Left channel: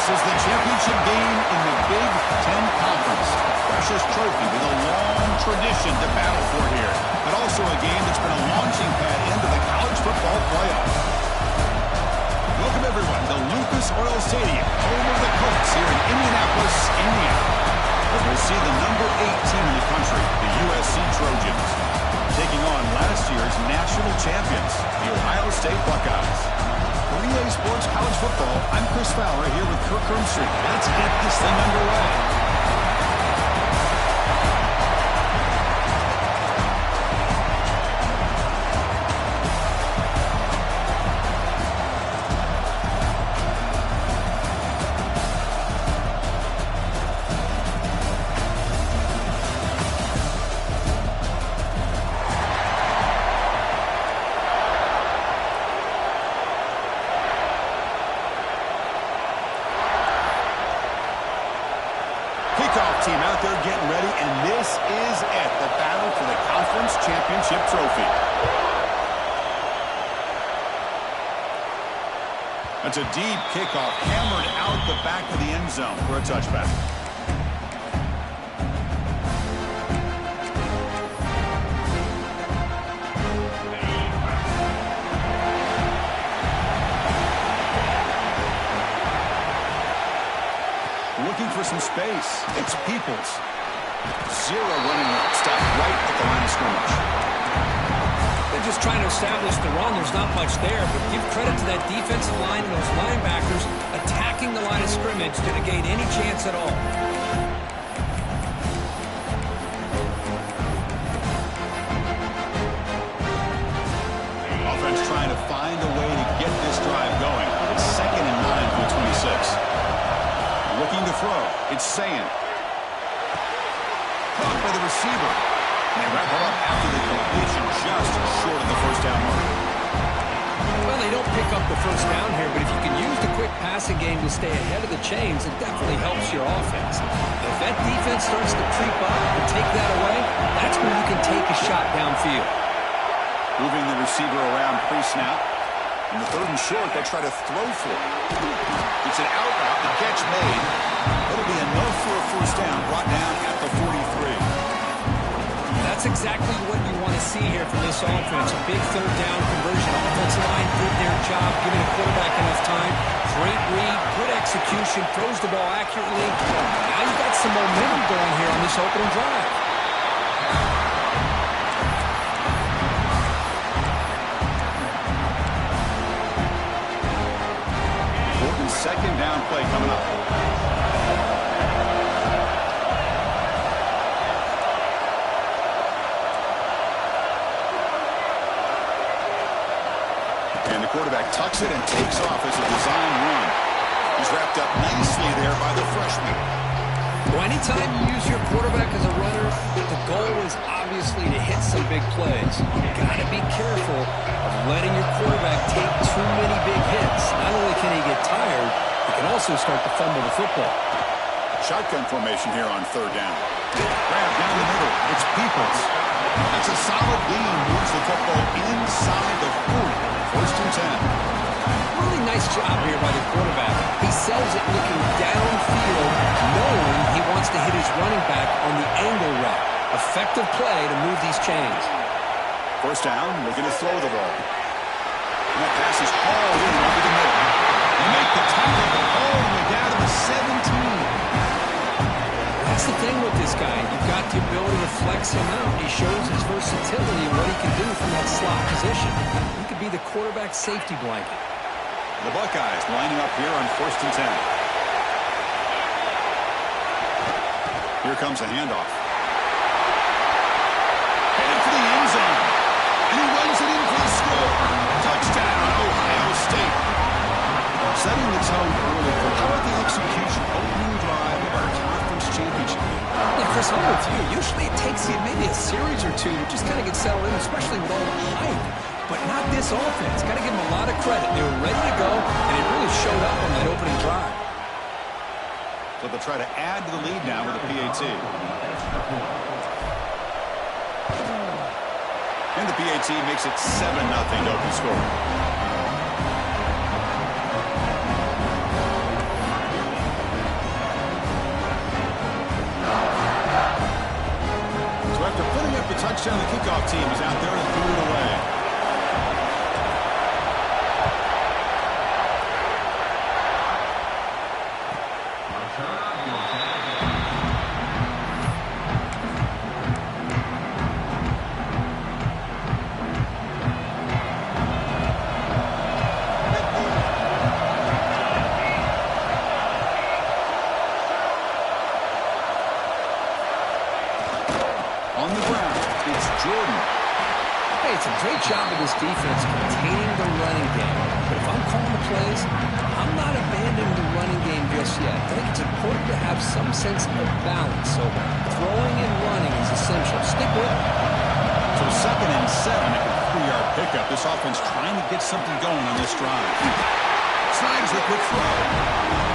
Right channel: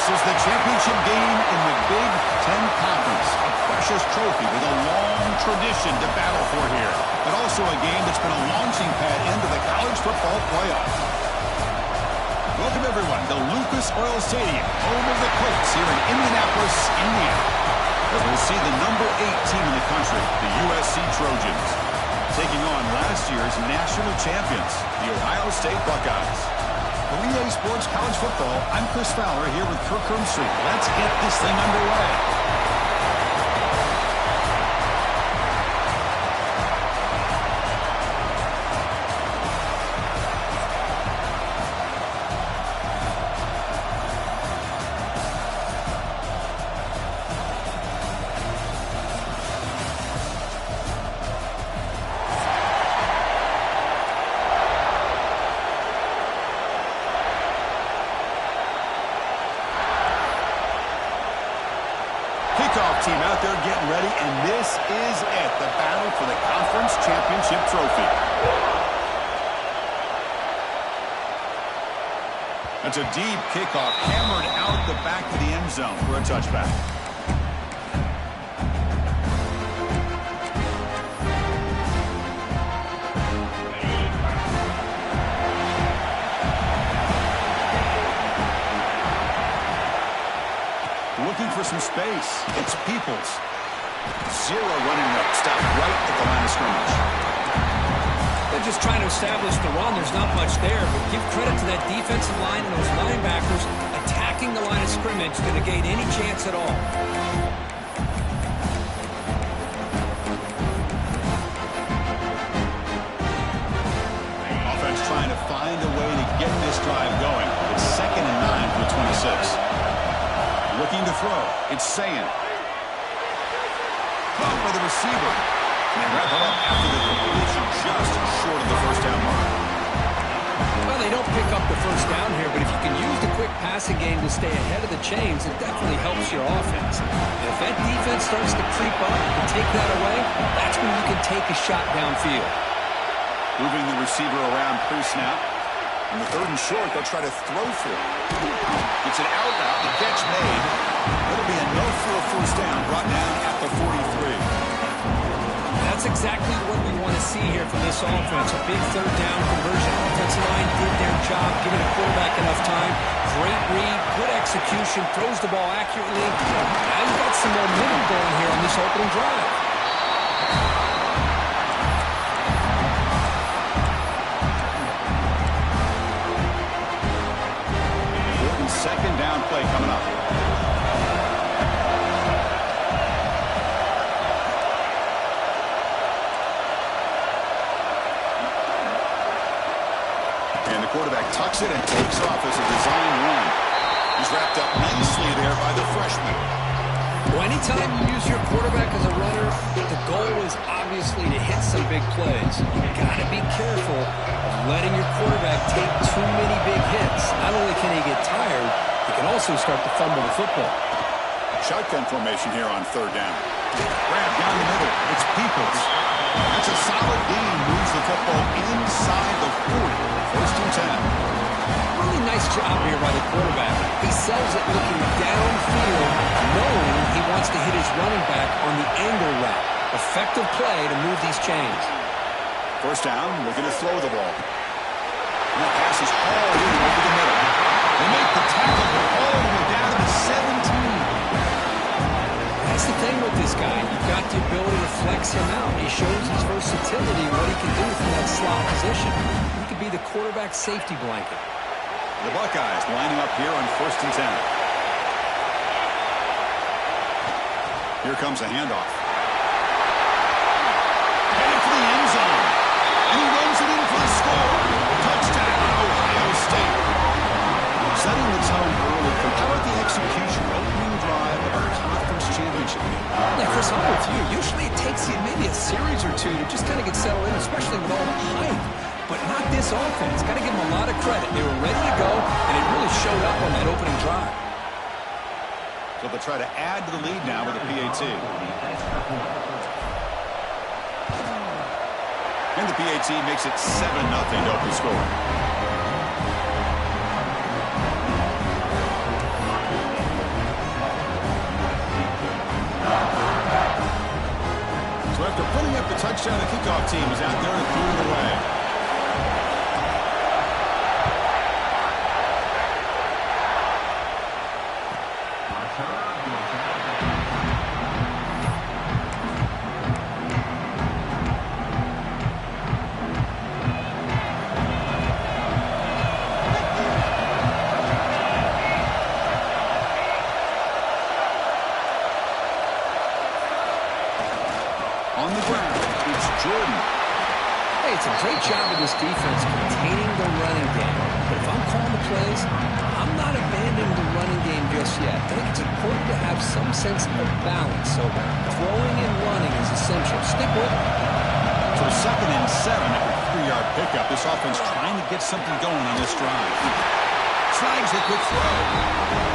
This is the championship game in the Big Ten Conference. A precious trophy with a long tradition to battle for here. But also a game that's been a launching pad into the college football playoff. Welcome, everyone, to Lucas Oil Stadium, home of the Colts here in Indianapolis, Indiana. As we'll see the number 8 team in the country, the USC Trojans, taking on last year's national champions, the Ohio State Buckeyes. For EA Sports College Football, I'm Chris Fowler here with Kirk Hermstreet. Let's get this thing underway. Kickoff team out there getting ready, and this is it, the battle for the conference championship trophy. That's a deep kickoff, hammered out the back of the end zone for a touchback. Looking for some space. It's Peoples. Zero running route. Stop right at the line of scrimmage. They're just trying to establish the run. There's not much there, but give credit to that defensive line and those linebackers attacking the line of scrimmage to negate any chance at all. Offense trying to find a way to get this drive going. It's 2nd and 9 for the 26. Looking to throw. It's Sayin. Caught by the receiver. And they wrap it up after the completion just short of the first down mark. Well, they don't pick up the first down here, but if you can use the quick passing game to stay ahead of the chains, it definitely helps your offense. If that defense starts to creep up and take that away, that's when you can take a shot downfield. Moving the receiver around pre-snap. In the 3rd and short, they'll try to throw for it. It's an out route, the catch made. It'll be enough for a first down, brought down at the 43. That's exactly what you want to see here from this offense. A big 3rd down conversion. Offensive line did their job, giving the quarterback enough time. Great read, good execution, throws the ball accurately. Now you've got some momentum going here on this opening drive. 2nd down play coming up. And the quarterback tucks it and takes off as a design run. He's wrapped up nicely there by the freshman. Well, anytime you use your quarterback as a runner, the goal is obviously to hit some big plays. You've got to be careful of letting your quarterback take too many big hits. Not only can he get tired, he can also start to fumble the football. Shotgun formation here on 3rd down. Grab down the middle. It's Peoples. That's a solid beam. Moves the football inside the 40. 1st and 10. Really nice job here by the quarterback. He sells it looking downfield, knowing he wants to hit his running back on the angle route. Effective play to move these chains. 1st down, looking to throw the ball. And that pass is hauled in over the middle. They make the tackle all the way down to the 17. That's the thing with this guy. You've got the ability to flex him out. He shows his versatility and what he can do from that slot position. He could be the quarterback safety blanket. The Buckeyes lining up here on 1st and 10. Here comes a handoff. Headed for the end zone. And he runs it in for the score. Touchdown, Ohio State. Setting the tone early. How about the execution? Opening drive of our conference championship game. Yeah, Chris, I'm with you. Usually it takes you maybe a series or two to just kind of get settled in, especially with all the hype. But not this offense. Got to give them a lot of credit. They were ready to go, and it really showed up on that opening drive. So they'll try to add to the lead now with a PAT. And the PAT makes it 7-0 to open scoring. touchdown. The kickoff team is out there and threw it away. On the ground, it's Jordan. Hey, it's a great job of this defense containing the running game. But if I'm calling the plays, I'm not abandoning the running game just yet. I think it's important to have some sense of balance. So throwing and running is essential. Stick with it. So 2nd and 7 after a 3-yard pickup. This offense trying to get something going on this drive. Snags the quick throw.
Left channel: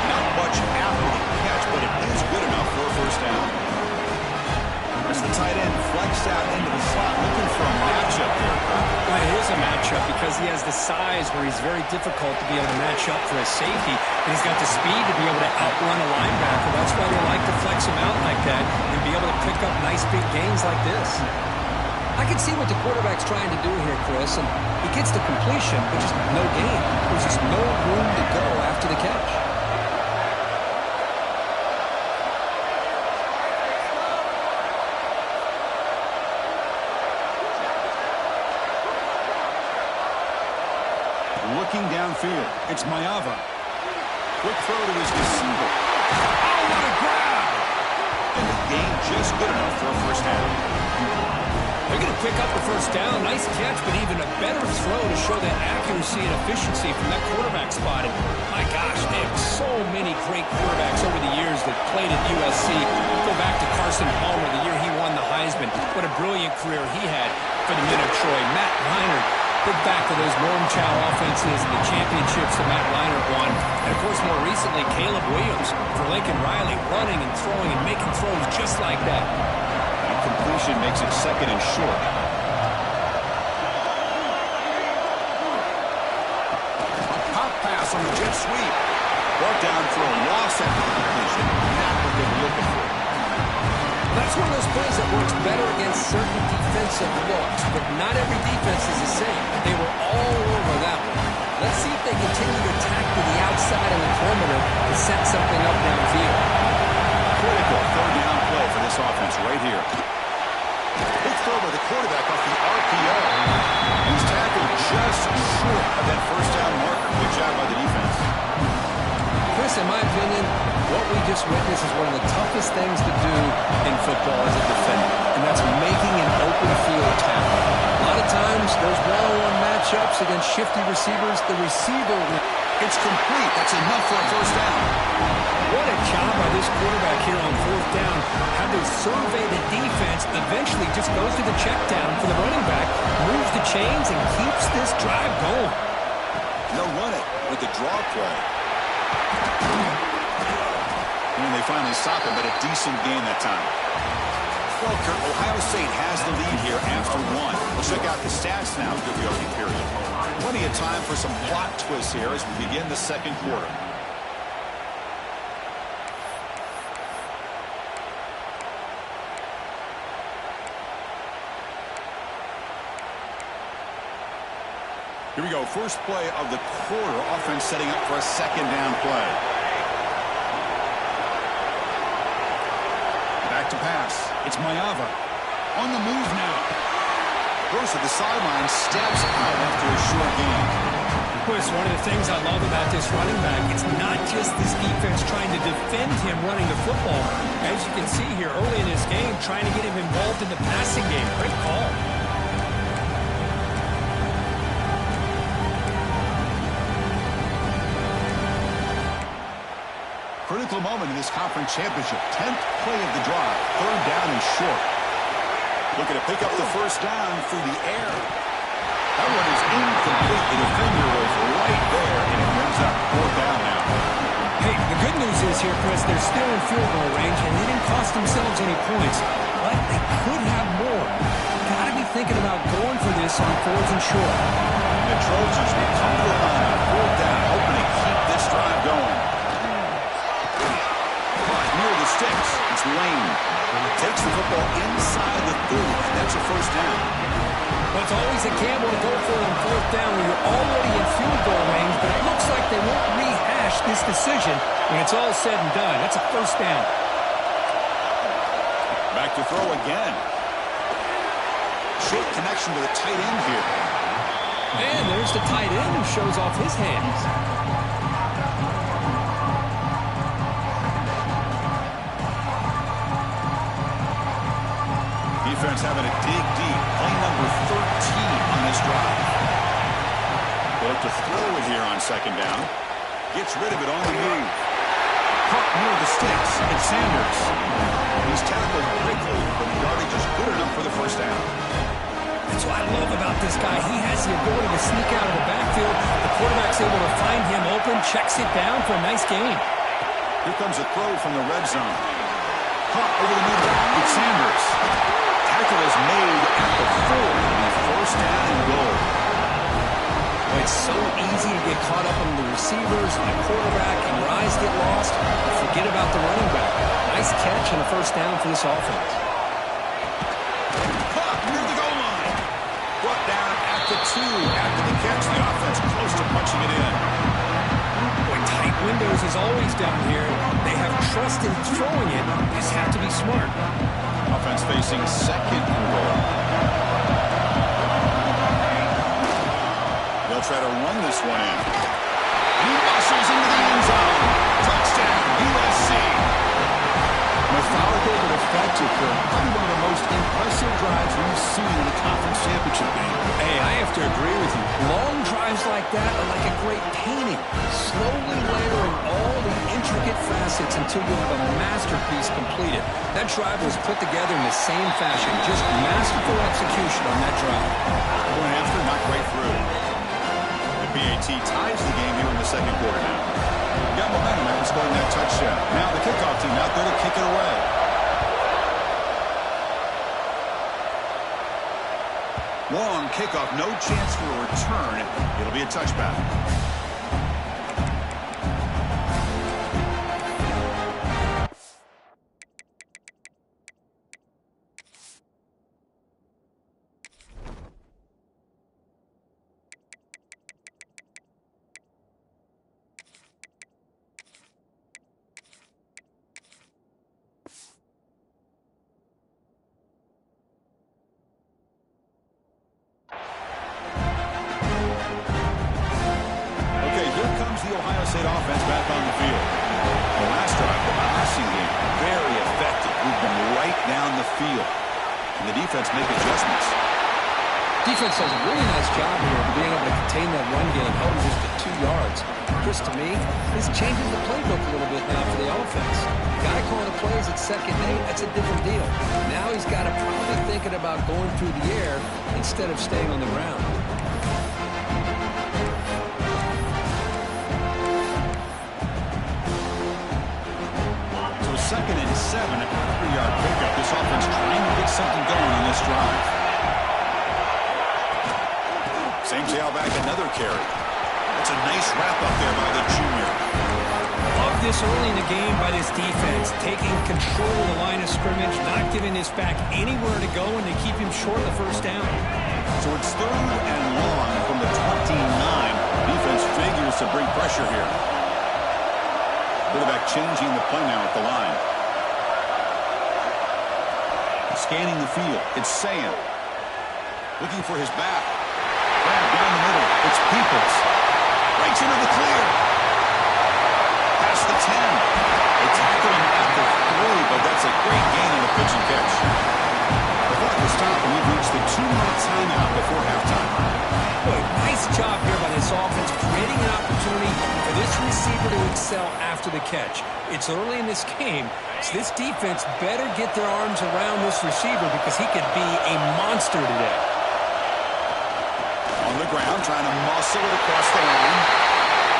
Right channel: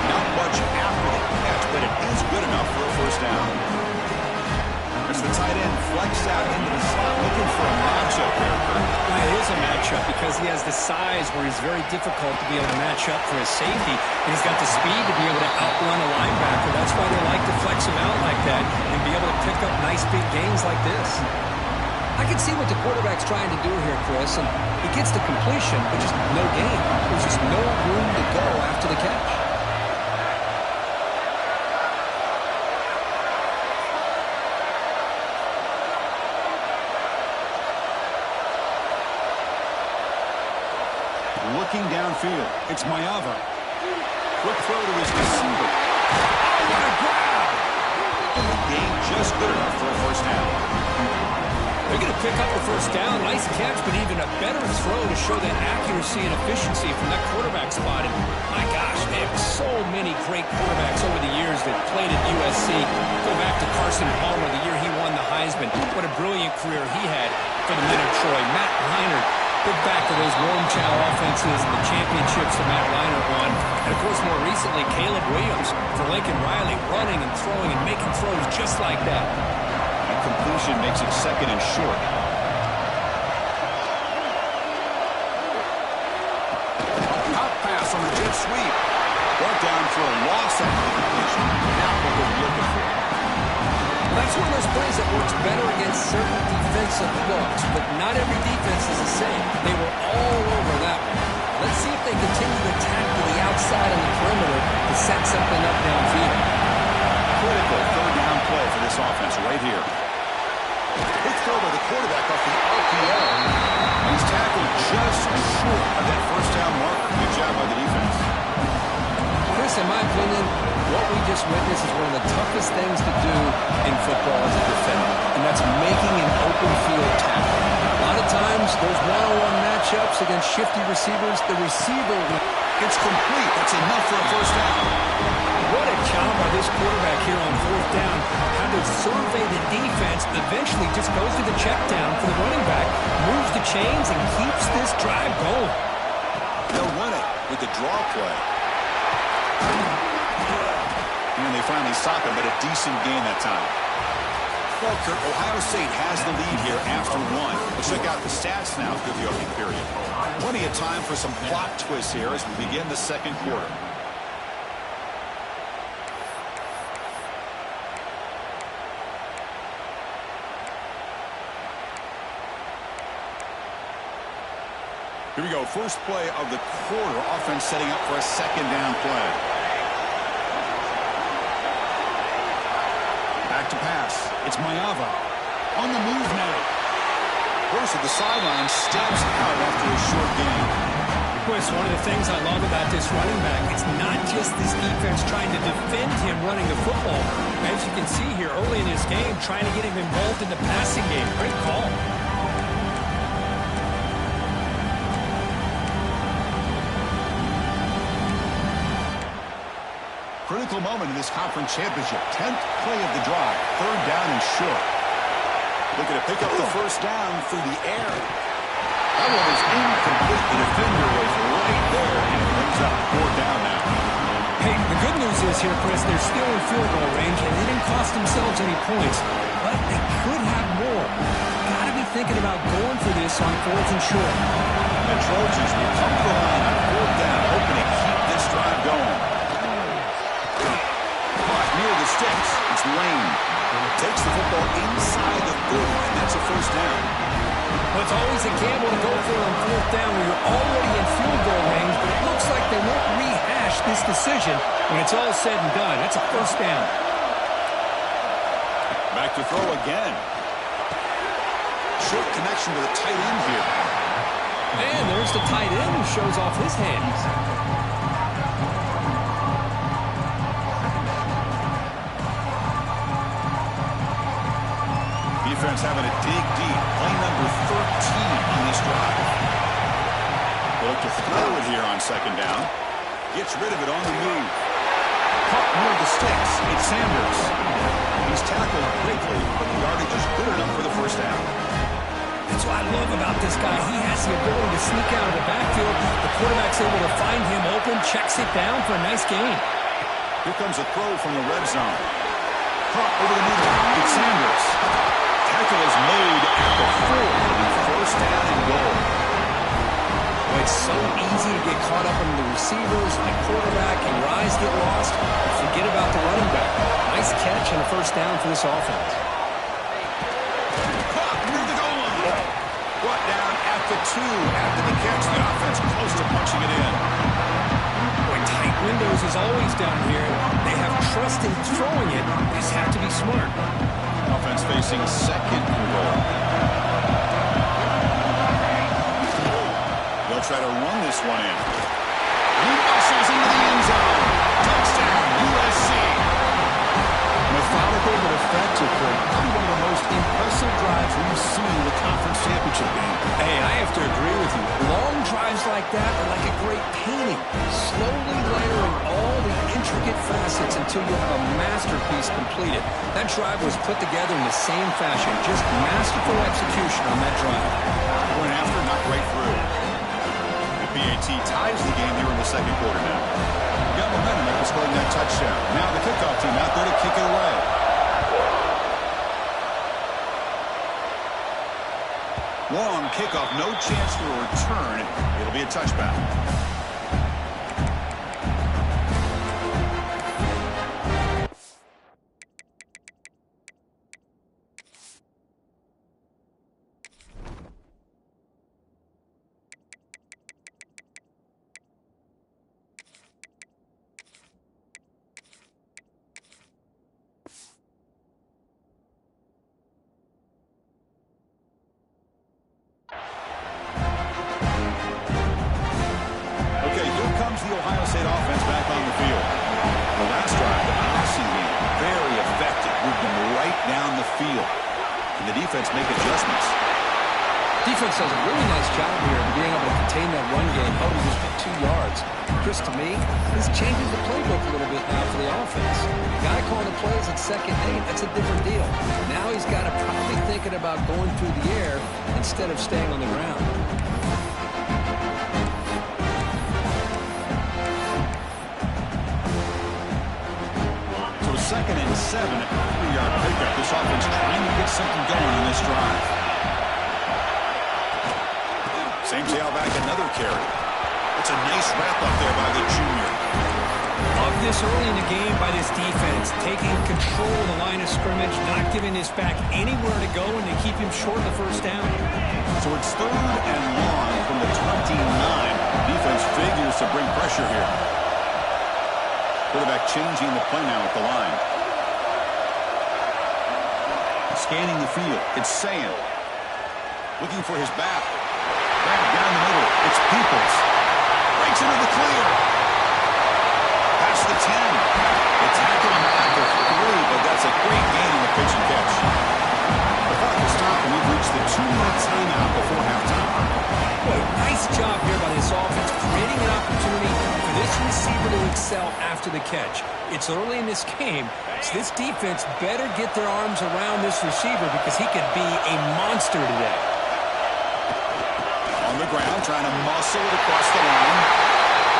Not much after the catch, but it is good enough for a first down. As the tight end flexed out into the slot, looking for a matchup there, Kirk. Well, it is a matchup because he has the size where he's very difficult to be able to match up for his safety, and he's got the speed to be able to outrun a linebacker. That's why they like to flex him out like that and be able to pick up nice big gains like this. I can see what the quarterback's trying to do here, Chris, and he gets the completion, but just no gain. There's just no room to go after the catch. Looking downfield, it's Mayava. Quick throw to his receiver. Oh, what a grab! And the gain just good enough for a first down. They're going to pick up a first down. Nice catch, but even a better throw to show that accuracy and efficiency from that quarterback spot. And my gosh, they have so many great quarterbacks over the years that played at USC. Go back to Carson Palmer, the year he won the Heisman. What a brilliant career he had for the men of Troy. Matt Leinart. Think back to those Norm Chow offenses and the championships that Matt Leinart won. And, of course, more recently, Caleb Williams for Lincoln Riley, running and throwing and making throws just like that. And completion makes it 2nd and short. A pop pass on the jet sweep. Brought down for a loss after the completion. Not what they were looking for. That's one of those plays that works better against certain defensive looks, but not every defense is the same. They were all over that one. Let's see if they continue to attack to the outside and the perimeter to set something up downfield. Critical 3rd down play for this offense right here. Quick throw by the quarterback off the RPO. And he's tackled just short of that first down marker. Good job by the defense. Chris, in my opinion, what we just witnessed is one of the toughest things to do in football as a defender, and that's making an open field tackle. A lot of times, those one-on-one matchups against shifty receivers, the receiver It's complete. That's enough for a first down. What a job by this quarterback here on 4th down. How to survey the defense, eventually just goes to the check down for the running back, moves the chains, and keeps this drive going. They'll run it with the draw play. And they finally stop him, but a decent gain that time. Well, Kurt, Ohio State has the lead here after 1. We'll check out the stats now through the opening period. Plenty of time for some plot twists here as we begin the 2nd quarter. Here we go. First play of the quarter. Offense setting up for a 2nd down play. Back to pass. It's Mayava. On the move now. Burst at the sideline, steps out after a short gain. Chris, one of the things I love about this running back, it's not just this defense trying to defend him running the football. As you can see here early in his game, trying to get him involved in the passing game. Great call. Critical moment in this conference championship. 10th play of the drive. 3rd down and short. Looking to pick up the first down through the air. That one is incomplete. The defender was right there, and it brings up 4th down now. Hey, the good news is here, Chris, they're still in field goal range, and they didn't cost themselves any points. But they could have more. Got to be thinking about going for this on 4th and short. And the Trojans will come to the line on 4th down, hoping to keep this drive going. Near the sticks, it's Lane. Takes the football inside the 30, and That's a first down. Well, it's always a gamble to go for it on fourth down when you're already in field goal range, but it looks like they won't rehash this decision when it's all said and done. That's a first down. Back to throw again. Short connection to the tight end here. And there's the tight end who shows off his hands. Defense having to dig deep. Play number 13 on this drive. They look to throw it here on second down. Gets rid of it on the move. Caught near the sticks. It's Sanders. He's tackled quickly, but the yardage is good enough for the first down. That's what I love about this guy. He has the ability to sneak out of the backfield. The quarterback's able to find him open, checks it down for a nice gain. Here comes a throw from the red zone. Caught over the middle. It's Sanders. Tackle is made at the 4. It'll be first down and goal. Well, it's so easy to get caught up in the receivers and the quarterback, and your eyes get lost. You forget about the running back. Nice catch and a first down for this offense. Caught near the goal line. Brought down at the 2 after the catch. The offense close to punching it in. Boy, tight windows is always down here. They have trust in throwing it. They just have to be smart. Offense facing second and goal. They'll try to run this one in. He muscles into the end zone. Touchdown, USC. Methodical but effective, Kurt. Probably one of the most impressive drives we've seen in a conference championship game. Hey, I have to agree with you. Long drives like that are like a great painting. Slowly layering all the intricate facets until you have a masterpiece completed. That drive was put together in the same fashion. Just masterful execution on that drive. Point after, not right through. The PAT ties the game here in the second quarter now. Got momentum after scoring that touchdown. Now the kickoff team out there to kick it away. Long kickoff, no chance for a return. It'll be a touchback. The Ohio State offense back on the field. The last drive, the passing game, very effective. Moved them right down the field. And the defense make adjustments. Defense does a really nice job here of being able to contain that run game, held him just at 2 yards. Chris, to me, this changes the playbook a little bit now for the offense. The guy calling the plays at 2nd and 8, that's a different deal. Now he's got to probably thinking about going through the air instead of staying on the ground. Second and 7 at the 3-yard pickup. This offense trying to get something going on this drive. Same tailback, another carry. That's a nice wrap up there by the junior. Love this early in the game by this defense. Taking control of the line of scrimmage, not giving this back anywhere to go, and they keep him short of the first down. So it's 3rd and long from the 29. Defense figures to bring pressure here. Quarterback changing the play now at the line. Scanning the field. It's Sam. Looking for his back. Grab down the middle. It's Peoples. Breaks into the clear. Past the 10. They tackle him at the 3, but that's a great gain in the pitch and catch. The clock will stop, and we've reached the 2-minute timeout before halftime. Boy, nice job here by this offense, creating an opportunity for this receiver to excel after the catch. It's early in this game, so this defense better get their arms around this receiver because he could be a monster today. On the ground, trying to muscle it across the line.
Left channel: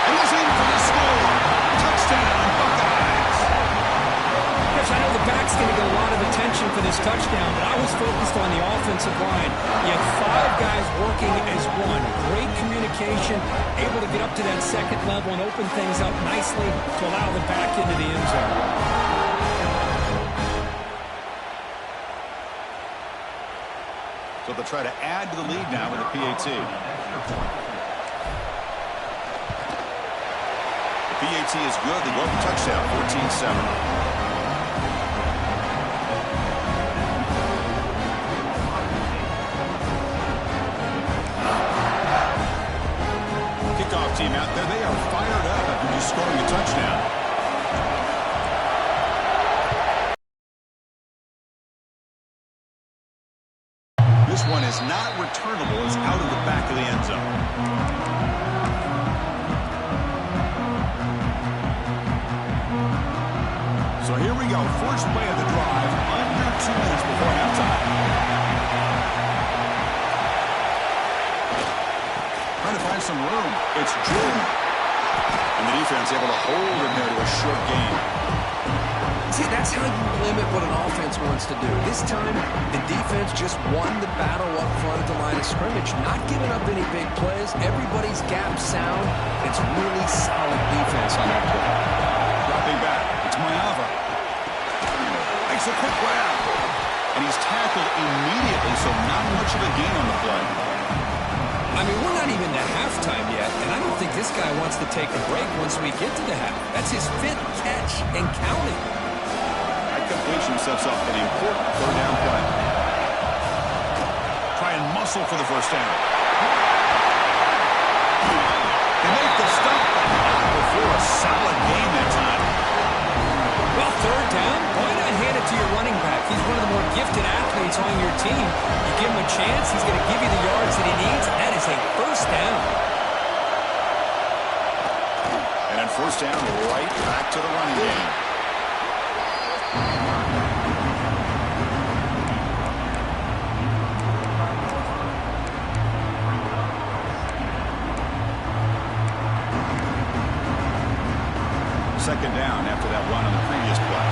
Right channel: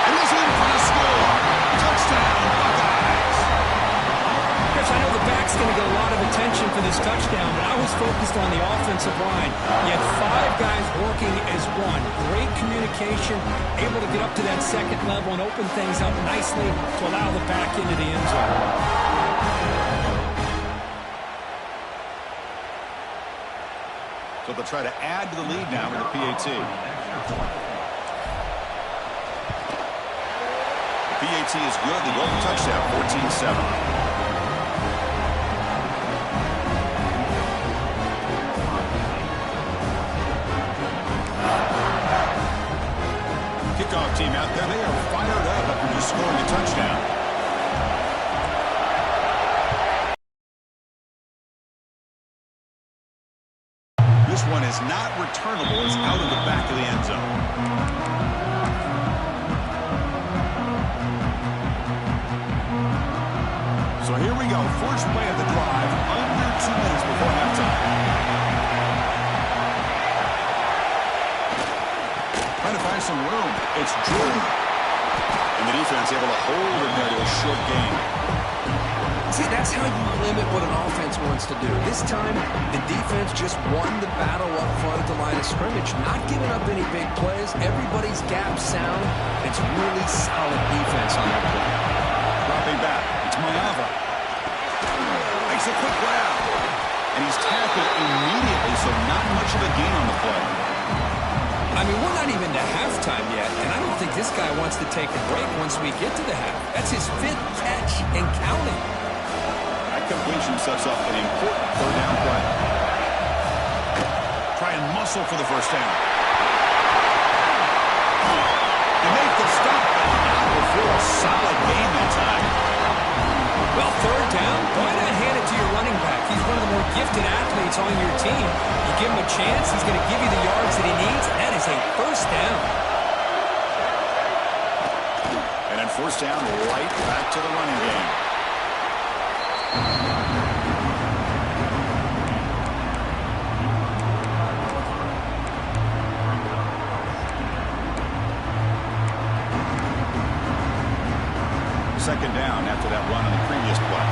And he's in for the score. Touchdown, Buckeyes. Chris, I know the back's going to get a lot of attention for this touchdown, but I was focused on the offensive line. You had 5 guys working as one. Great communication, able to get up to that second level and open things up nicely to allow the back into the end zone. So they'll try to add to the lead now with the PAT. The PAT is good. They go up a touchdown, 14-7. Kickoff team out there. They are fired up after just scoring a touchdown. This one is not returnable. It's out of the back of the end zone. So here we go. First play of the drive. Under 2 minutes before halftime. Trying to find some room. It's Drew. And the defense able to hold him there to a short gain. See, that's how you limit what an offense wants to do. This time, the defense just won the battle up front at the line of scrimmage, not giving up any big plays. Everybody's gap sound. It's really solid defense on that play. Dropping back. It's Mayava. Makes a quick grab. And he's tackled immediately, so not much of a gain on the play. I mean, we're not even to halftime yet, and I don't think this guy wants to take a break once we get to the half. That's his 5th catch and counting. That completion sets up an important third down play. Try and muscle for the first down. They make the stop, but not before a solid gain that time. Well, third down, why not hand it to your running back? He's one of the more gifted athletes on your team. You give him a chance, he's going to give you the yards that he needs, and that is a first down. And then first down, right back to the running game. Second down after that run on the previous play.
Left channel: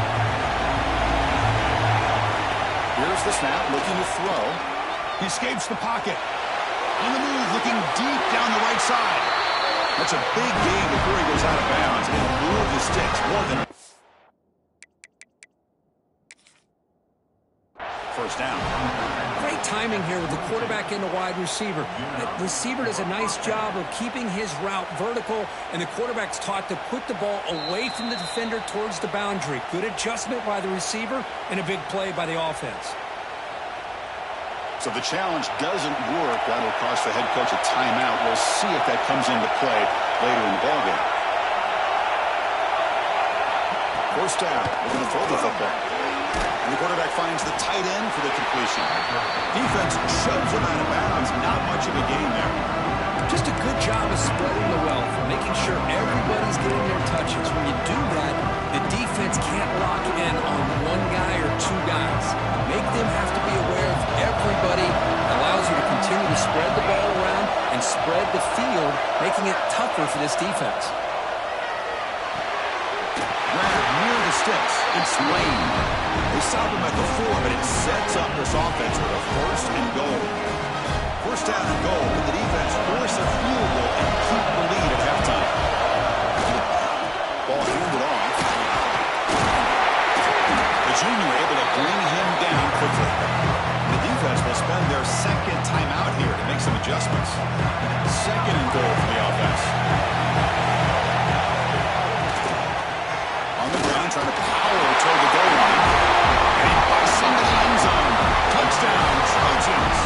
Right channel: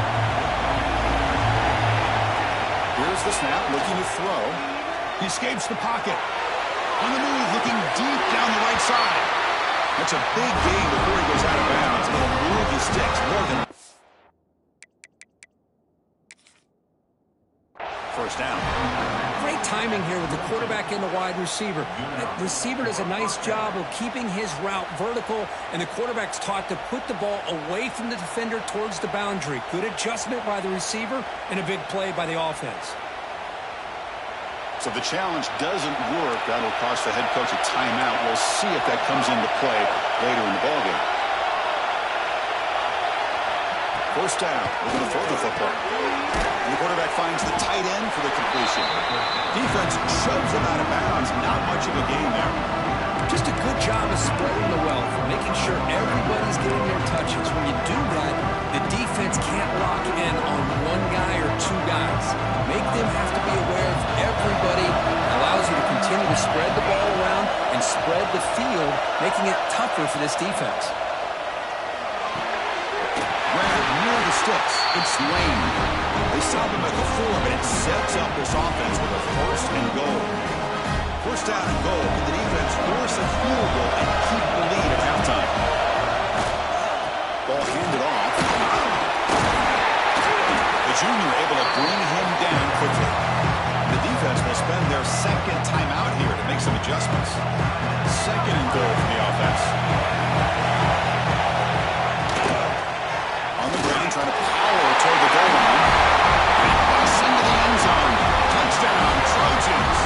Here's the snap, looking to throw. He escapes the pocket. On the move, looking deep down the right side. That's a big gain before he goes out of bounds, and it'll move the sticks more than first down. Great timing here with the quarterback and the wide receiver. That receiver does a nice job of keeping his route vertical, and the quarterback's taught to put the ball away from the defender towards the boundary. Good adjustment by the receiver and a big play by the offense. So the challenge doesn't work. That'll cost the head coach a timeout. We'll see if that comes into play later in the ballgame. First down. We're going to throw the football. And the quarterback finds the tight end for the completion. Defense shoves him out of bounds. Not much of a gain there. Just a good job of spreading the wealth, making sure everybody's getting their touches. When you do that, the defense can't lock in on one guy or two guys. Make them have to be aware of everybody. It allows you to continue to spread the ball around and spread the field, making it tougher for this defense. Grab near the sticks. It's Lane. They stop him at the 4, but it sets up this offense with a first and goal. First down and goal. Can the defense force a field goal and keep the lead at halftime? Ball handed off. The junior able to bring him down quickly. The defense will spend their second timeout here to make some adjustments. Second and goal for the offense. On the ground, trying to power toward the goal line. And he busts into the end zone. Touchdown, Trojans.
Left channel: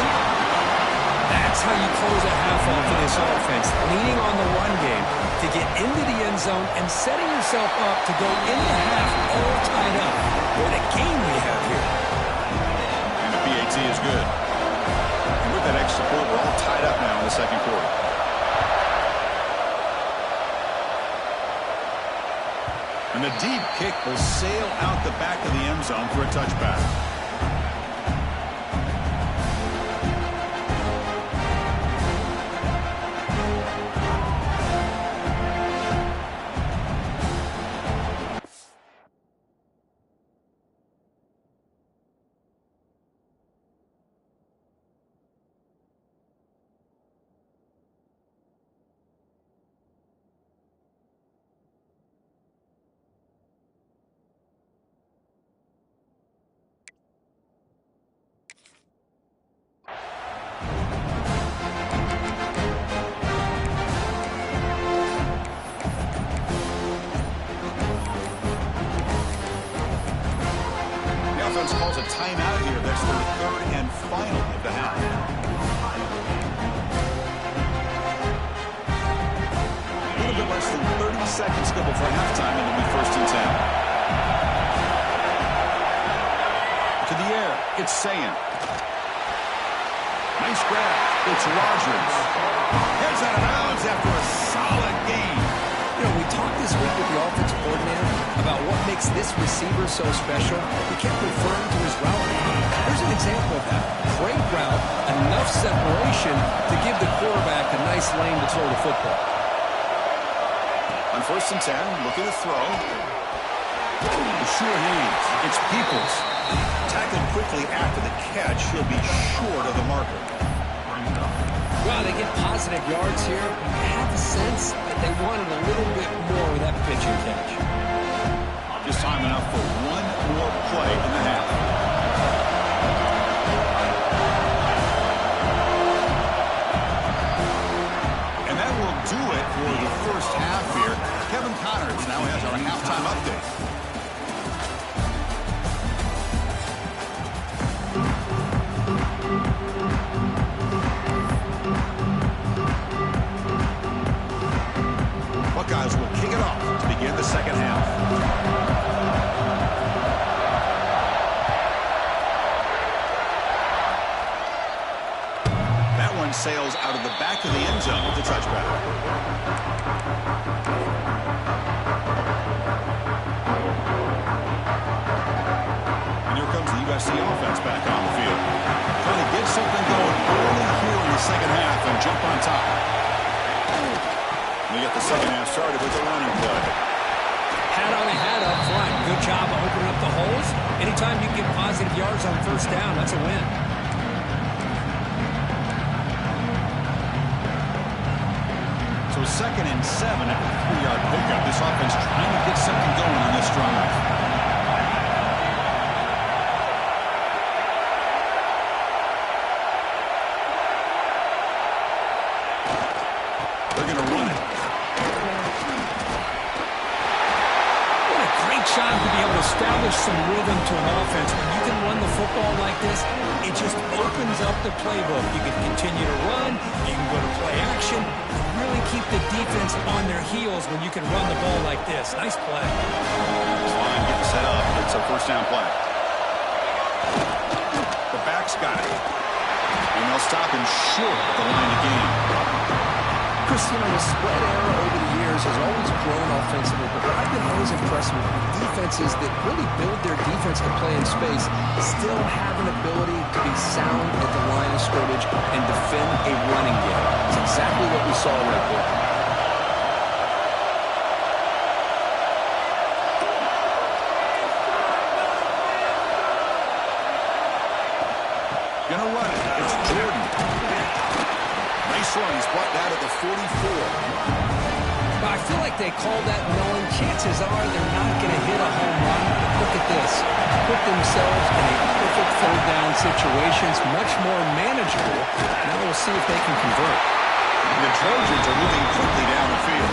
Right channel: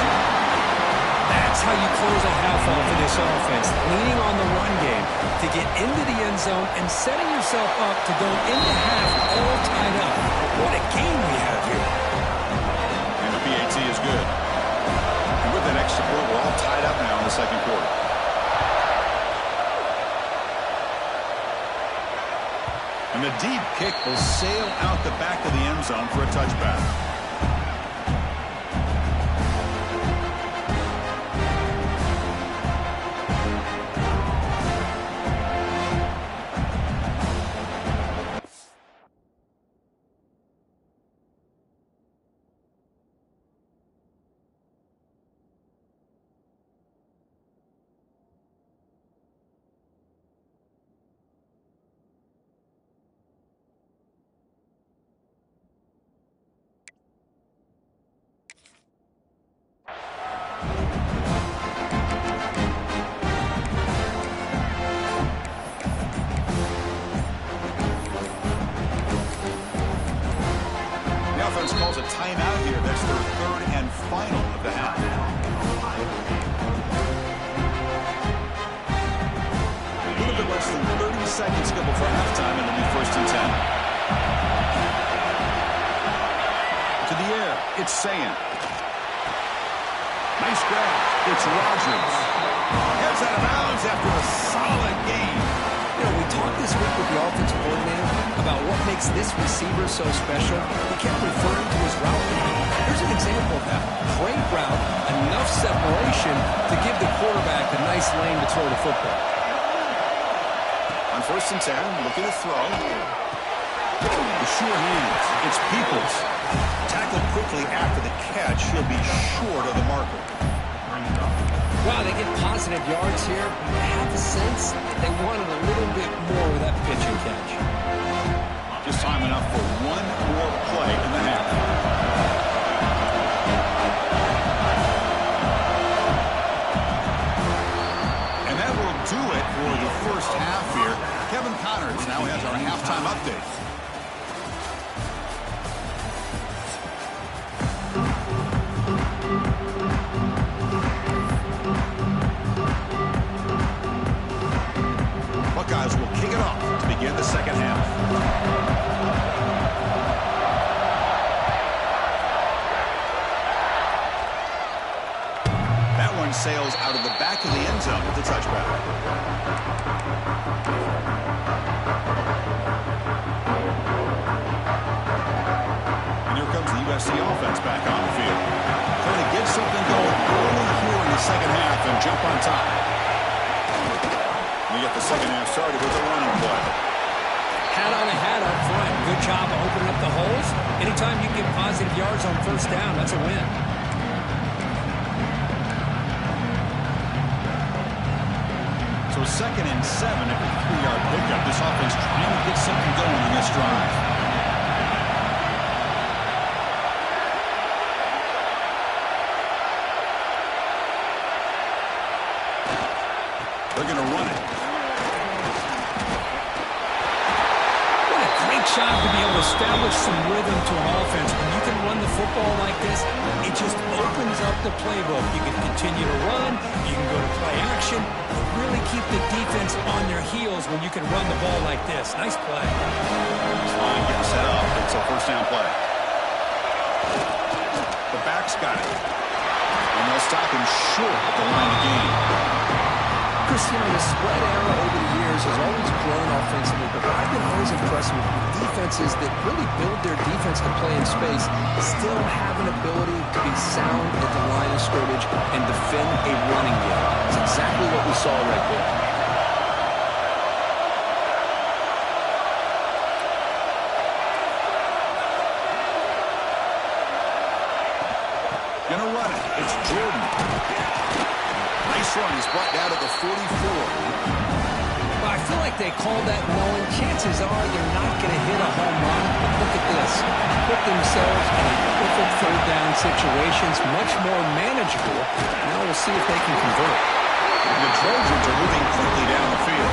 That's how you close a half off of this offense, leaning on the run game to get into the end zone and setting yourself up to go into half all tied up. What a game we have here. And the PAT is good. And with that extra point, we're all tied up now in the second quarter. And the deep kick will sail out the back of the end zone for a touchback. offense calls a timeout here. That's their third and final of the half. A little bit less than 30 seconds to go before halftime, and it'll be 1st and 10. To the air, it's Sayan. Nice grab. It's Rodgers. Heads out of bounds after a solid gain. You know, we talked this week with the offensive coordinator about what makes this receiver so special. He kept referring to his route running. Here's an example of that. Great route, enough separation to give the quarterback a nice lane to throw the football. On 1st and 10, looking to throw. The sure hands. It's Peoples. Tackled quickly after the catch. He'll be short of the marker. Wow, they get positive yards here. I have a sense that they wanted a little bit more with that pitch and catch. Just time enough for one more play in the half. And that will do it for the first half here. Kevin Connors now has our halftime update. Buckeyes will kick it off to begin the second half. That one sails out of the back of the end zone with the touchback. And here comes the USC offense back on the field. Trying to get something going early here in the second half and jump on top. We get the second half started with a running play. Hat on a hat up front. Good job of opening up the holes. Anytime you get positive yards on 1st down, that's a win. So 2nd and 7 after the 3-yard pickup. This offense trying to get something going on this drive. They're going to run it. Job to be able to establish some rhythm to an offense. When you can run the football like this, it just opens up the playbook. You can continue to run, you can go to play action, and really keep the defense on their heels when you can run the ball like this. Nice play. This line getting set up. It's a 1st down play. The back's got it. And they'll stop him short of the line of game. Chris, you know, the spread era over the years has always grown offensively, but what I've been always impressed with defenses that really build their defense to play in space still have an ability to be sound at the line of scrimmage and defend a running game. It's exactly what we saw right there. Gonna run it. It's Jordan. Nice run. He's brought down at the 44. Well, I feel like they called that knowing chances are they're not going to hit a home run. But look at this. Put themselves in a perfect 3rd down situation. It's much more manageable. Now we'll see if they can convert. The Trojans are moving quickly down the field.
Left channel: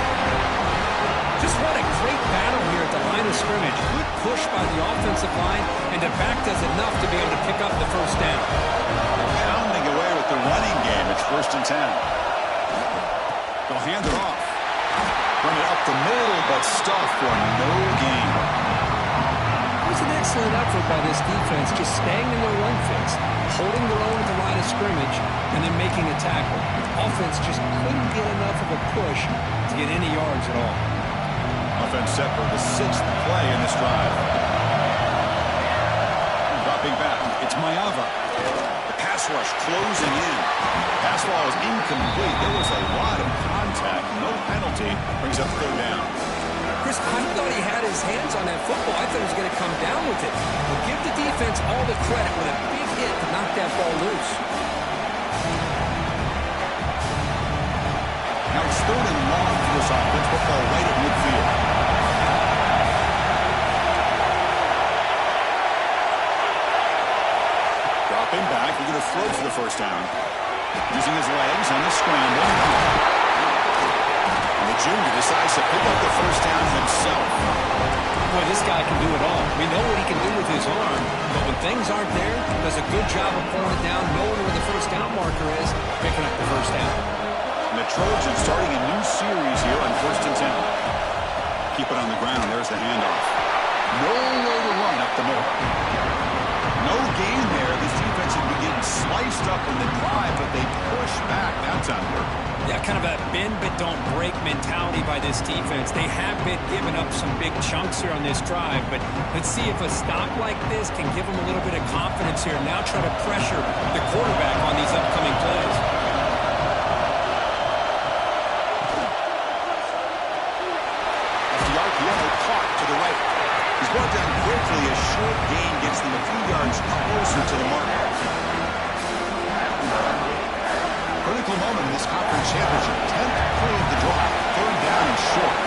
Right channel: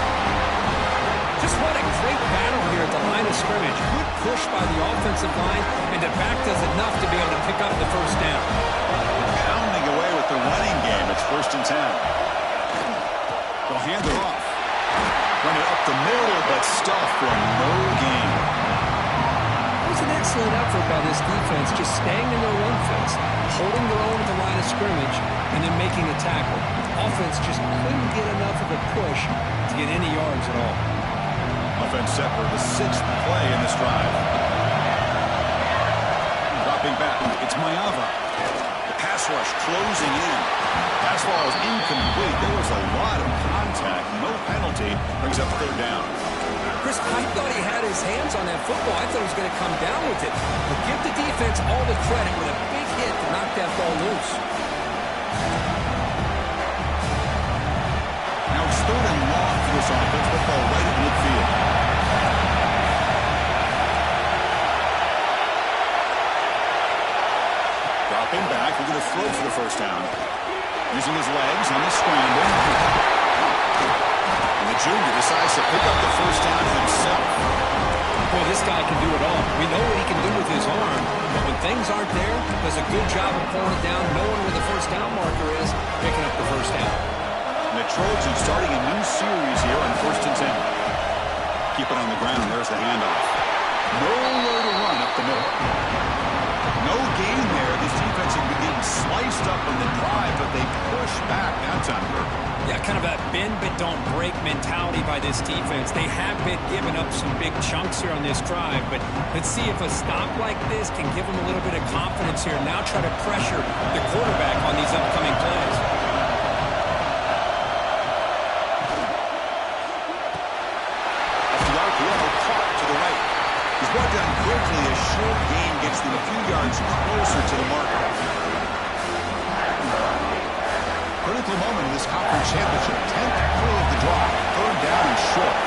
Just what a great battle here at the line of scrimmage. Good push by the offensive line, and the back does enough to be able to pick up the 1st down. They're pounding away with the running game. It's 1st and 10. They'll hand it off. Run it up the middle, but stuffed for no gain. It was an excellent effort by this defense, just staying in their run fits, holding their own at the line of scrimmage, and then making a tackle. Offense just couldn't get enough of a push to get any yards at all. Offense set for the 6th play in this drive. Dropping back, it's Mayava. The pass rush closing in. Pass ball is incomplete. There was a lot of contact. No penalty. Brings up 3rd down. Chris, I thought he had his hands on that football. I thought he was going to come down with it. But give the defense all the credit with a big hit to knock that ball loose. Now it's 3rd and long for this offense. Football right at midfield. Dropping back. We're going to throw for the 1st down. Using his legs on the scramble. And the junior decides to pick up the 1st down himself. Boy, this guy can do it all. We know what he can do with his arm, but when things aren't there, does a good job of pulling it down, knowing where the first down marker is, picking up the first down. And the Trojans starting a new series here on 1st and 10. Keep it on the ground. There's the handoff. Nowhere to run up the middle. No gain there. This defense has been getting sliced up on the drive, but they push back that time, Kirk. Yeah, kind of a bend but don't break mentality by this defense. They have been giving up some big chunks here on this drive, but let's see if a stop like this can give them a little bit of confidence here. Now try to pressure the quarterback on these upcoming plays. Caught to the right. He's brought down quickly. A short gain gets them a few yards closer to the marker. Critical moment in this conference championship. 10th play of the drive. 3rd down and short.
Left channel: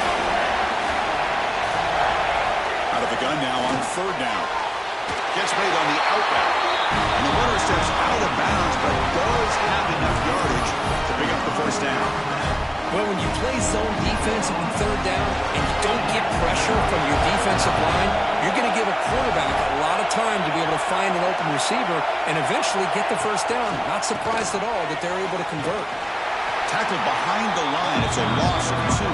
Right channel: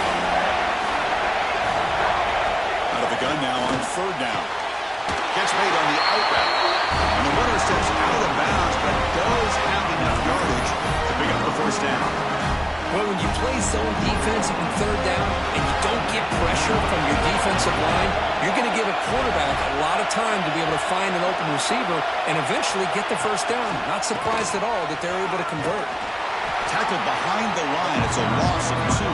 Out of the gun now on 3rd down. Gets made on the out route. And the runner steps out of bounds, but does have enough yardage to pick up the first down. Well, when you play zone defense on 3rd down and you don't get pressure from your defensive line, you're going to give a quarterback a lot of time to be able to find an open receiver and eventually get the first down. Not surprised at all that they're able to convert. Tackled behind the line. It's a loss of 2.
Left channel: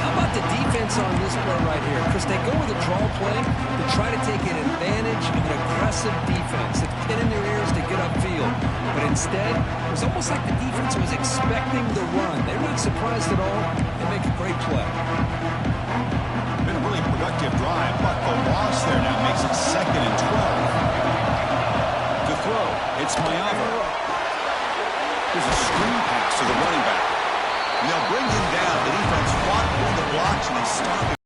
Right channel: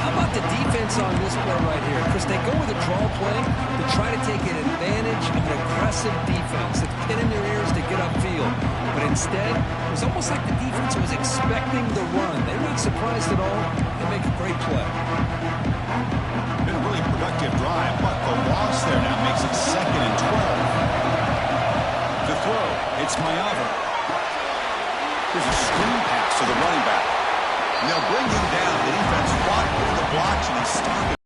How about the defense on this play right here? Chris, they go with a draw play to try to take an advantage of an aggressive defense that's pinning their ears to get upfield. But instead, it was almost like the defense was expecting the run. They're not surprised at all. They make a great play. Been a really productive drive, but the loss there now makes it 2nd and 12. To throw, it's Mayava. There's a screen pass to the running back. And they'll bring him down. The defense fought through the blocks, and they stopped him.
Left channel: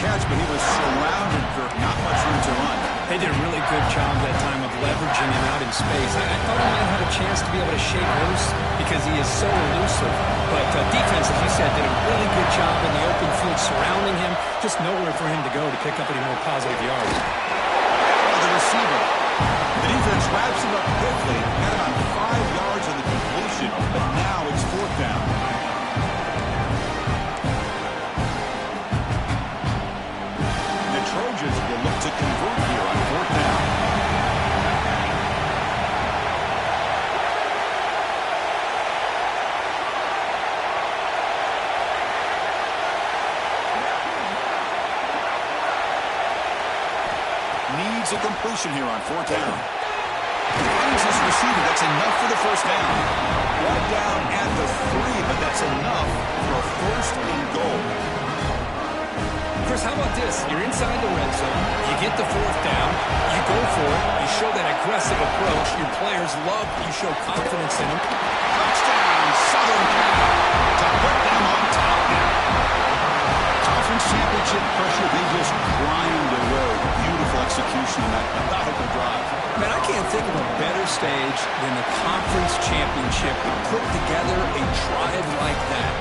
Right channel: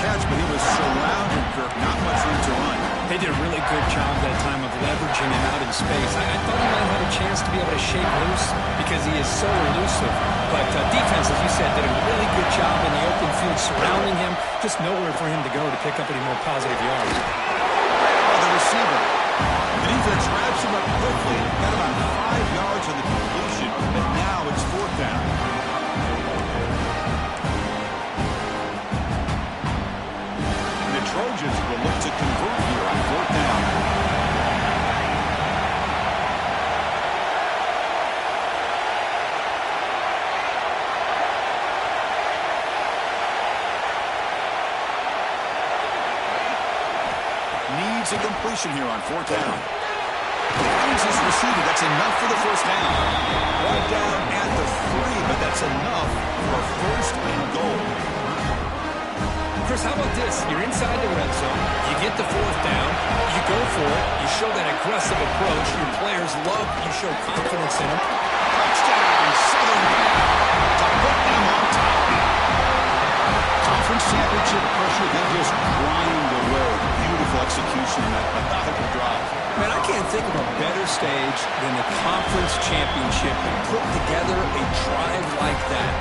Catch, but he was surrounded, Kirk. Not much room to run. They did a really good job that time of leveraging him out in space. I thought he might have a chance to be able to shake loose because he is so elusive. But defense, as you said, did a really good job in the open field surrounding him. Just nowhere for him to go to pick up any more positive yards. The receiver. The defense wraps him up quickly. Got about 5 yards on the completion, but now it's 4th down. And the Trojans will look to convert here on 4th down. Needs a completion here on 4th down. Finds his receiver. That's enough for the first down. Brought down at the 3, but that's enough for a 1st and goal. Chris, how about this? You're inside the red zone. You get the 4th down. You go for it. You show that aggressive approach. Your players love you show confidence in them. Touchdown, Southern Cal, to put them on top now. Conference championship pressure, they just grind away. Beautiful execution in that methodical drive. Man, I can't think of a better stage than the conference championship to put together a drive like that.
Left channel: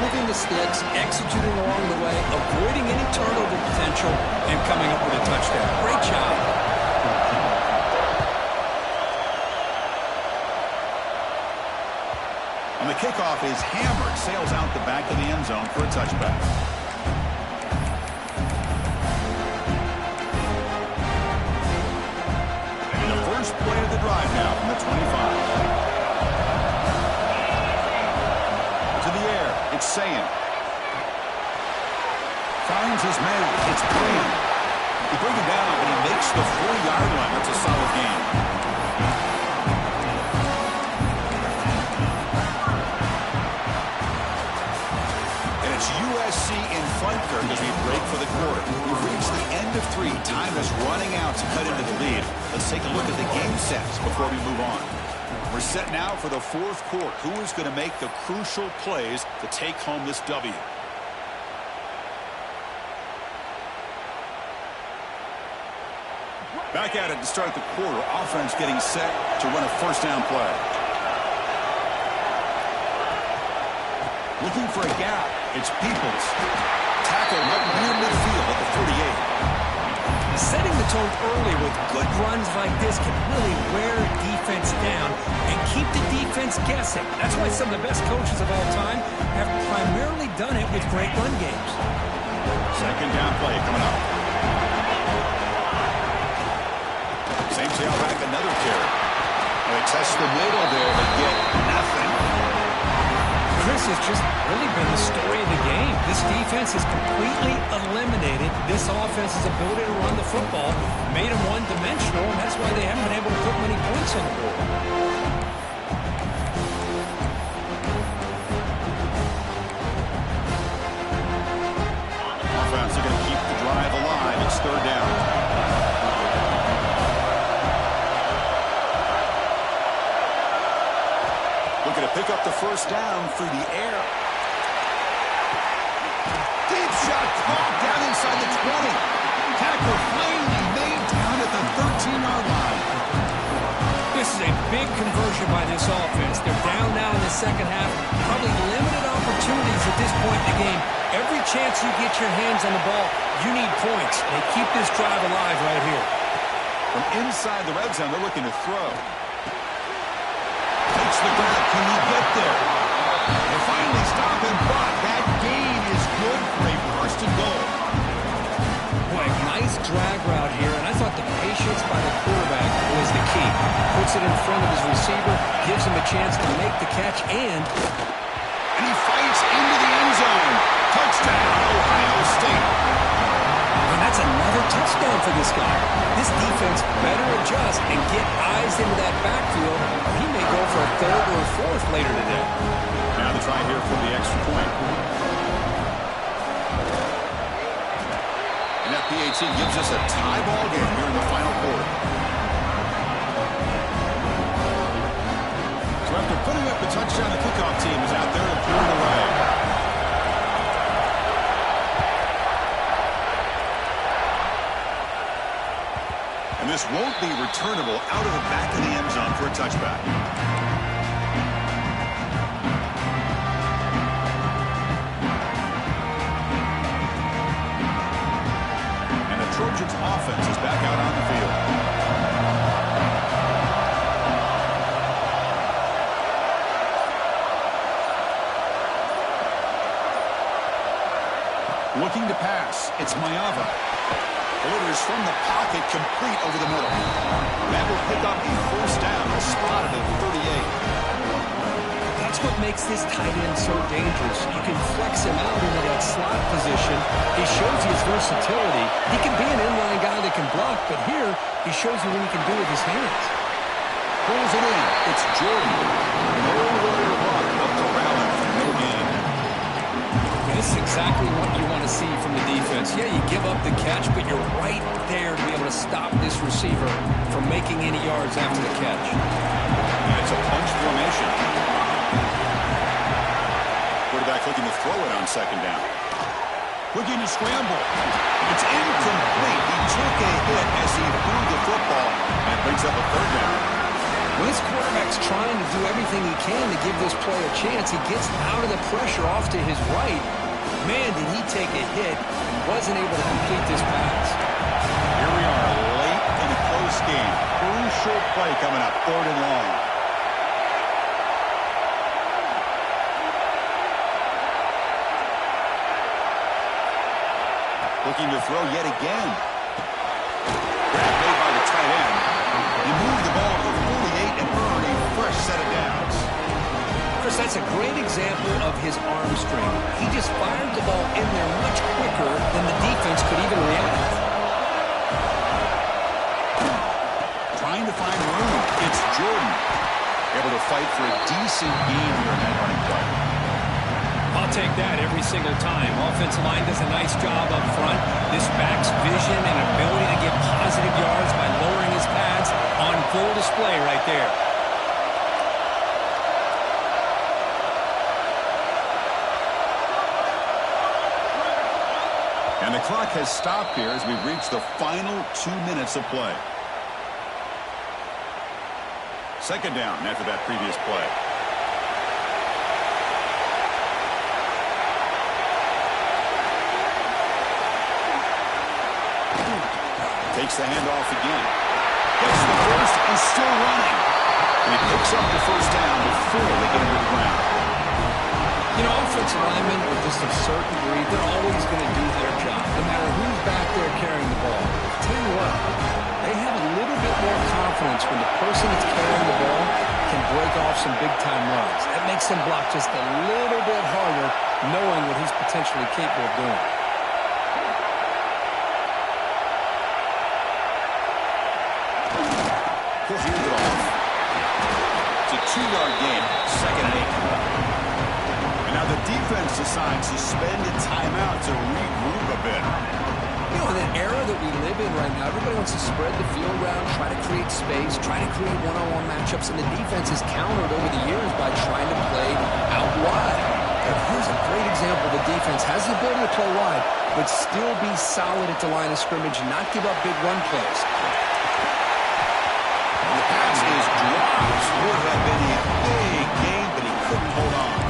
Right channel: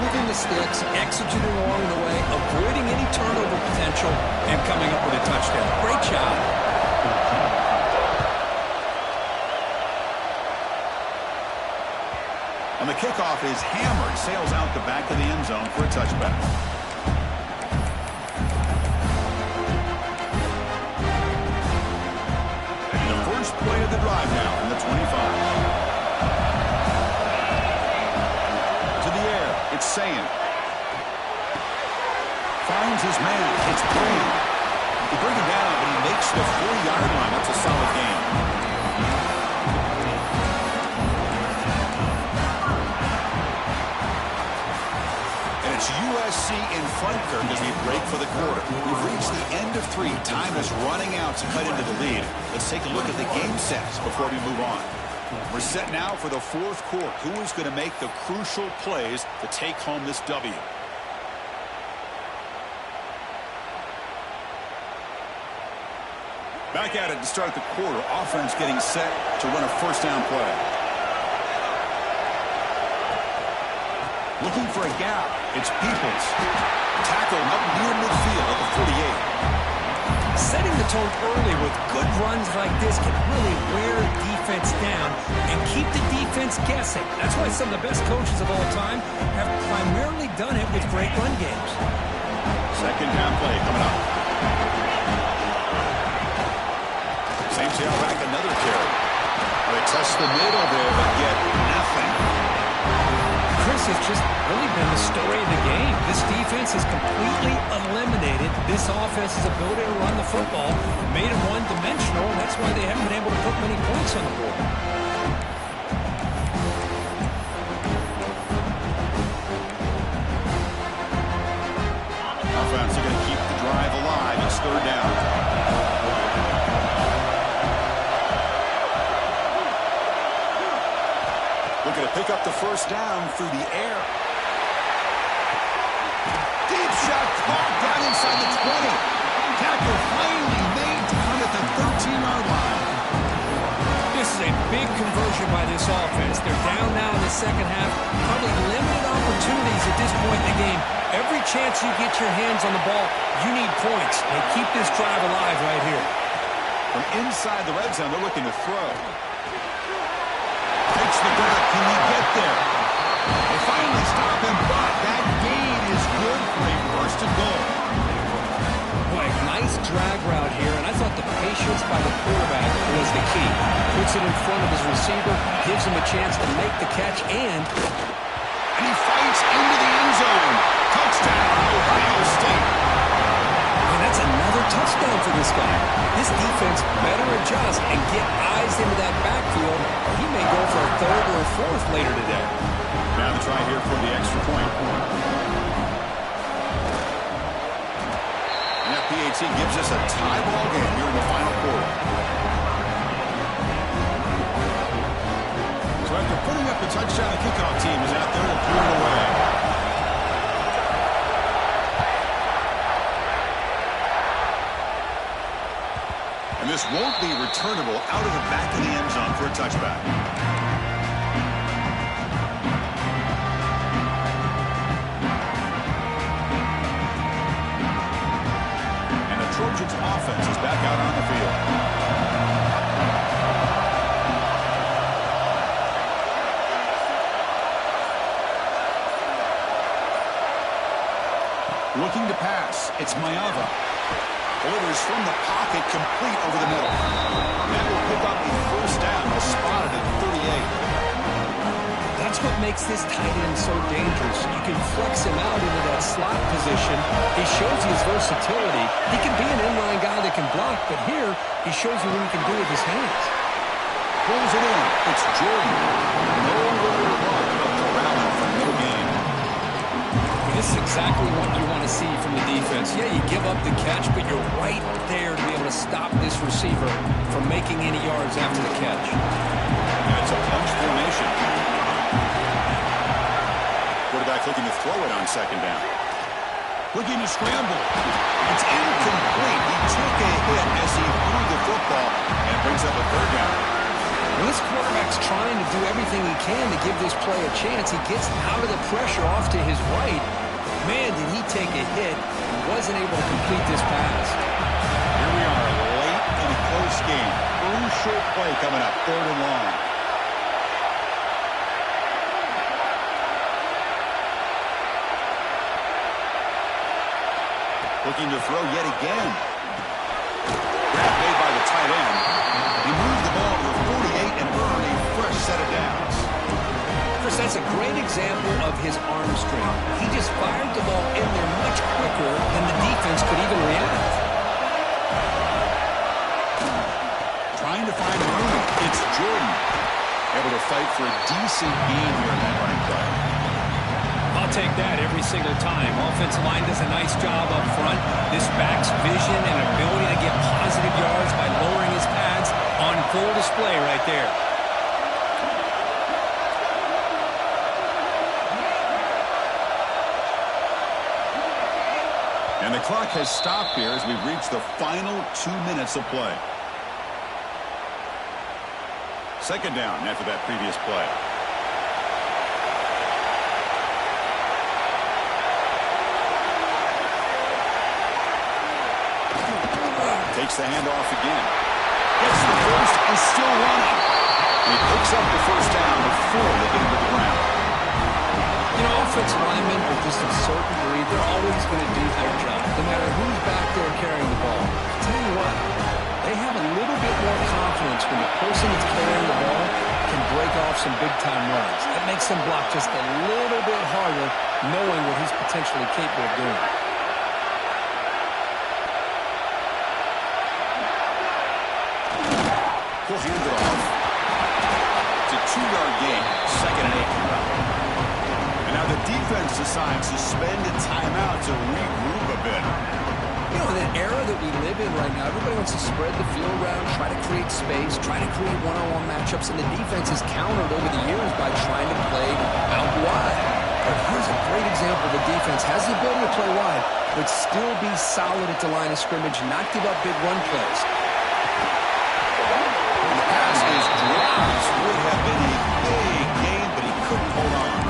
Moving the sticks, executing along the way, avoiding any turnover potential, and coming up with a touchdown. Great job. On the kickoff is hammered, sails out the back of the end zone for a touchback. First play of the drive now from the 25. To the air, it's Sayin. Finds his man, it's Graham. He brings him down, but he makes the 40-yard line. That's a solid gain. And it's USC in front, Kirk, as we break for the quarter. We've reached the end of 3. Time is running out to cut into the lead. Let's take a look at the game sets before we move on. We're set now for the 4th quarter. Who is going to make the crucial plays to take home this W? Back at it to start the quarter. Offense getting set to run a first down play. Looking for a gap. It's Peoples. Tackle up near midfield at the 48. Setting the tone early with good runs like this can really wear defense down and keep the defense guessing. That's why some of the best coaches of all time have primarily done it with great run games. Second down play coming up. Same tailback, another carry. Well, they test the middle there, but get nothing. Chris, has just really been the story of the game. This defense has completely eliminated this offense's ability to run the football, made them one-dimensional, and that's why they haven't been able to put many points on the board. Offense are going to keep the drive alive. It's third down. Looking to pick up the first down through the air. Deep shot caught down inside the 20. Tackle finally made down at the 13-yard line. This is a big conversion by this offense. They're down now in the second half. Probably limited opportunities at this point in the game. Every chance you get your hands on the ball, you need points. They keep this drive alive right here. From inside the red zone, they're looking to throw. Takes the grab. Can he get there? They finally stop him, but that gain is good for a first and goal. Boy, nice drag route here, and I thought the patience by the quarterback was the key. Puts it in front of his receiver, gives him a chance to make the catch, and he fights into the end zone. Touchdown, Ohio State. And that's another touchdown for this guy. This defense better adjust and get eyes into that backfield, or he may go for a third or a fourth later today. Now the try here for the extra point. And that PAT gives us a tie ball game here in the final quarter. So after putting up the touchdown, the kickoff team is out there to clear it away. And this won't be returnable out of the back of the end zone for a touchback. And the Trojans' offense is back out on the field. Looking to pass. It's Mayava. Delivers from the pocket, complete over the middle. That will pick up a first down. They'll spot it at 38. That's what makes this tight end so dangerous. You can flex him out into that slot position. He shows you his versatility. He can be an inline guy that can block, but here he shows you what he can do with his hands. Pulls it in. It's Jordan. Nowhere to run up to rally from no gain. This is exactly what you want to see from the defense. Yeah, you give up the catch, but you're right there to be able to stop this receiver from making any yards after the catch. And it's a punch formation. Quarterback looking to throw it on second down. Looking to scramble. It's incomplete. He took a hit as he threw the football, and it brings up a third down. When this quarterback's trying to do everything he can to give this play a chance, he gets out of the pressure off to his right. Man, did he take a hit and wasn't able to complete this pass. Here we are late in a close game. Crucial play coming up, third and long. Looking to throw yet again. Grab made by the tight end. He moved the ball to the 48 and earned a fresh set of downs. Chris, that's a great example of his arm strength. He just fired the ball in there much quicker than the defense could even react. Trying to find room. It's Jordan. Able to fight for a decent gain here in that running play. I'll take that every single time. Offensive line does a nice job up front. This back's vision and ability to get positive yards by lowering his pads on full display right there. And the clock has stopped here as we've reached the final 2 minutes of play. Second down after that previous play. Takes the handoff again. Gets the first and still running. And he picks up the first down before they get him to the ground. You know, offensive linemen are just a certain breed. They're always going to do their job, no matter who's back there carrying the ball. I'll tell you what, they have a little bit more confidence when the person that's carrying the ball can break off some big-time runs. That makes them block just a little bit harder, knowing what he's potentially capable of doing. He'll hand it off. It's a 2-yard gain. 2nd and 8 coming up. And now the defense decides to spend a timeout to regroup a bit. You know, in an era that we live in right now, everybody wants to spread the field around, try to create space, try to create one-on-one matchups, and the defense has countered over the years by trying to play out wide. But here's a great example. The defense has the ability to play wide, but still be solid at the line of scrimmage and not give up big run plays. And the pass is dropped. Would have been a big gain, but he couldn't hold on.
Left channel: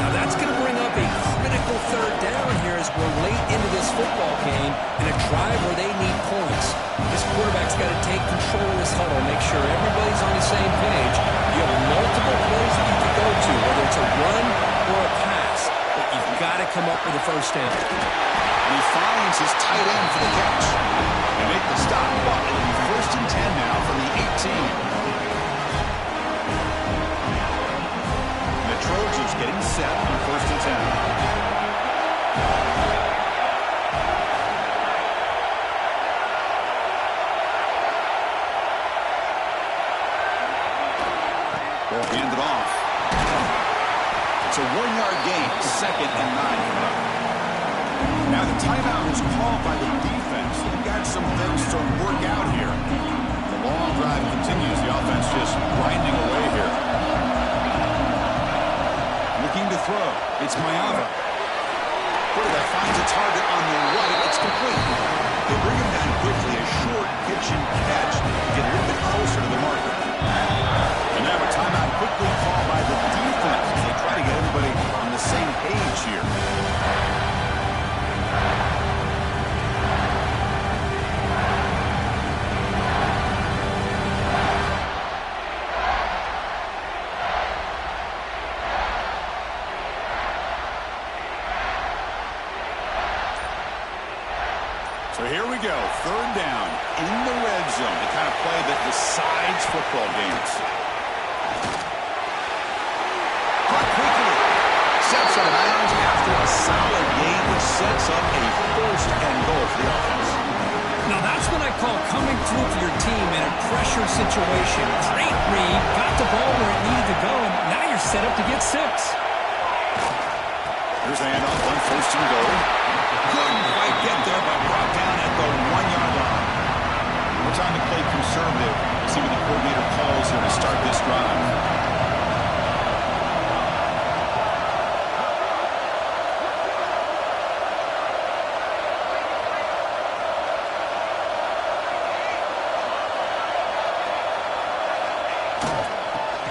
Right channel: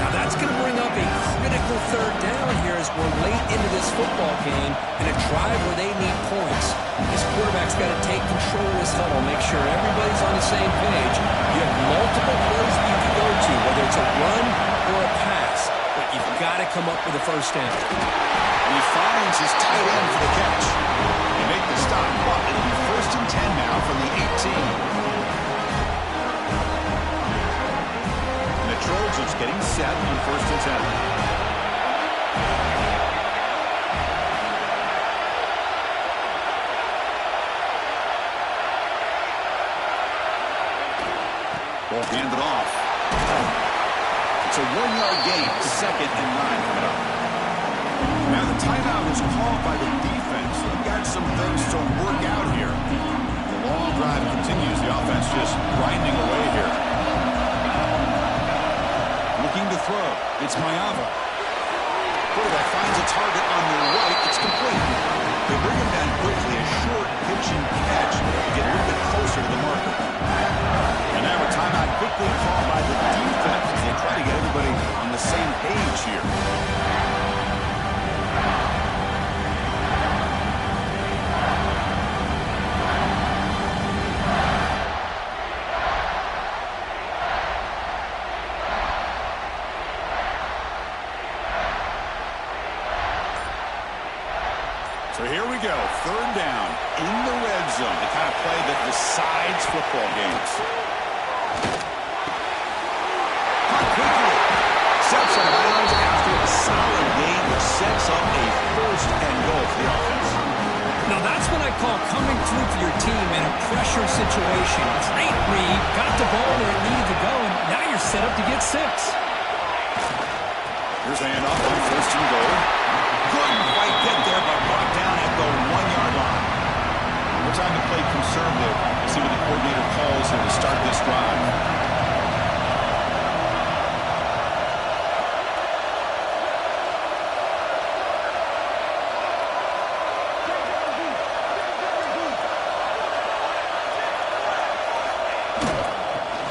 Now that's going to bring up a critical 3rd down here as we're late into this football game in a drive where they need points. This quarterback's got to take control of this huddle, make sure everybody's on the same page. You have multiple plays that you can go to, whether it's a run or a pass, but you've got to come up with a first down. And he finds his tight end for the catch. They make the stop, but it'll be 1st and 10 now from the 18. Trojans getting set on 1st and 10. Ball handed off. It's a 1-yard gain. 2nd and 9 coming up. Now the timeout is called by the defense. They've got some things to work out here. The long drive continues. The offense just grinding away here. Looking to throw. It's Mayava. Quarterback finds a target on the right. It's complete. They bring him down quickly. A short pitch and catch to get a little bit closer to the marker. And now a timeout quickly called by the defense as they try to get everybody on the same page here. So here we go, 3rd down in the red zone, the kind of play that decides football games. Caught quickly. Steps out of bounds after a solid gain, which sets up a 1st and goal for the offense. Now that's what I call coming through for your team in a pressure situation. Great read, got the ball where it needed to go, and now you're set up to get 6. Here's the handoff on 1st and goal. Couldn't quite get there, but brought down at the 1-yard line. We're trying to play conservative. We'll see what the coordinator calls here to start this drive.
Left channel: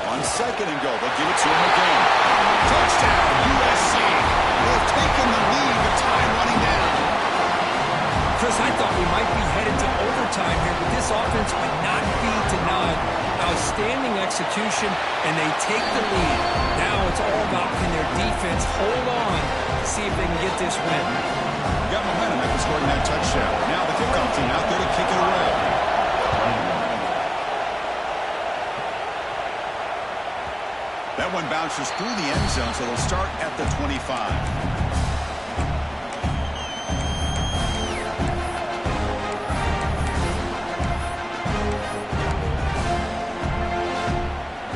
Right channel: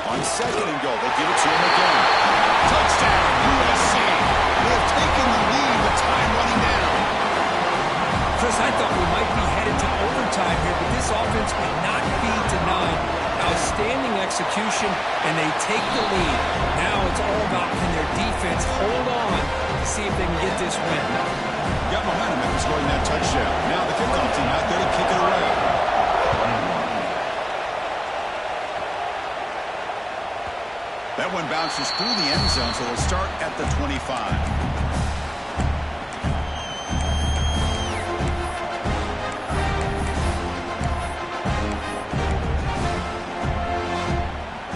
On 2nd and goal, they'll give it to him again. Touchdown, USC. They have taken the lead with time running down. Chris, I thought we might be headed to overtime here, but this offense would not be denied. Outstanding execution, and they take the lead. Now it's all about can their defense hold on to see if they can get this win. Got momentum after scoring that touchdown. Now the kickoff team out there to kick it away. That one bounces through the end zone, so they'll start at the 25.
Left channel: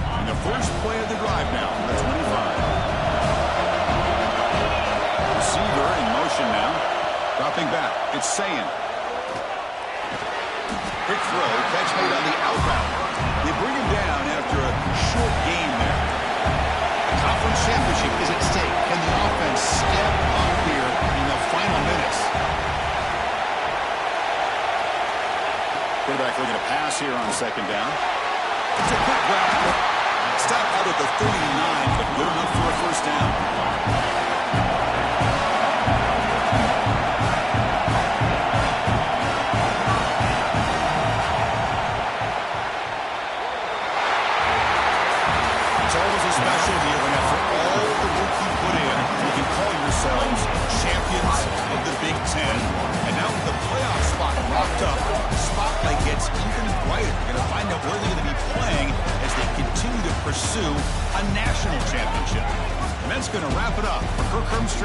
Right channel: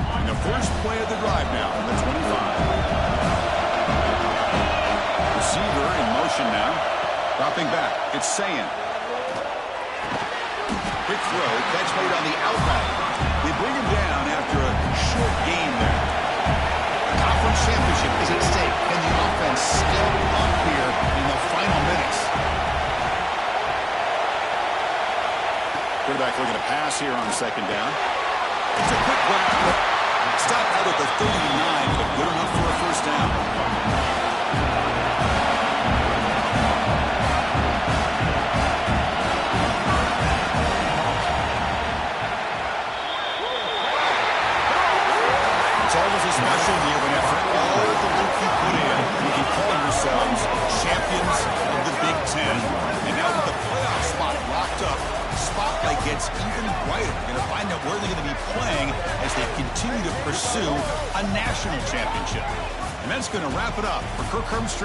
And the first play of the drive now from the 25. Receiver in motion now. Dropping back. It's Sayin. Quick throw. Catch made on the out route. They bring him down after a short gain there. Conference championship is at stake. Can the offense step up here in the final minutes? Quarterback looking to pass here on 2nd down. It's a quick grab. Stop out at the 39, but good enough for a 1st down. It's always a special year when after all the work you put in, you can call yourselves champions of the Big Ten. And now with the playoff spot locked up, the spotlight gets even brighter. We're going to find out where they're going to be playing as they continue to pursue a national championship. And that's going to wrap it up for Kirk Herbstreit.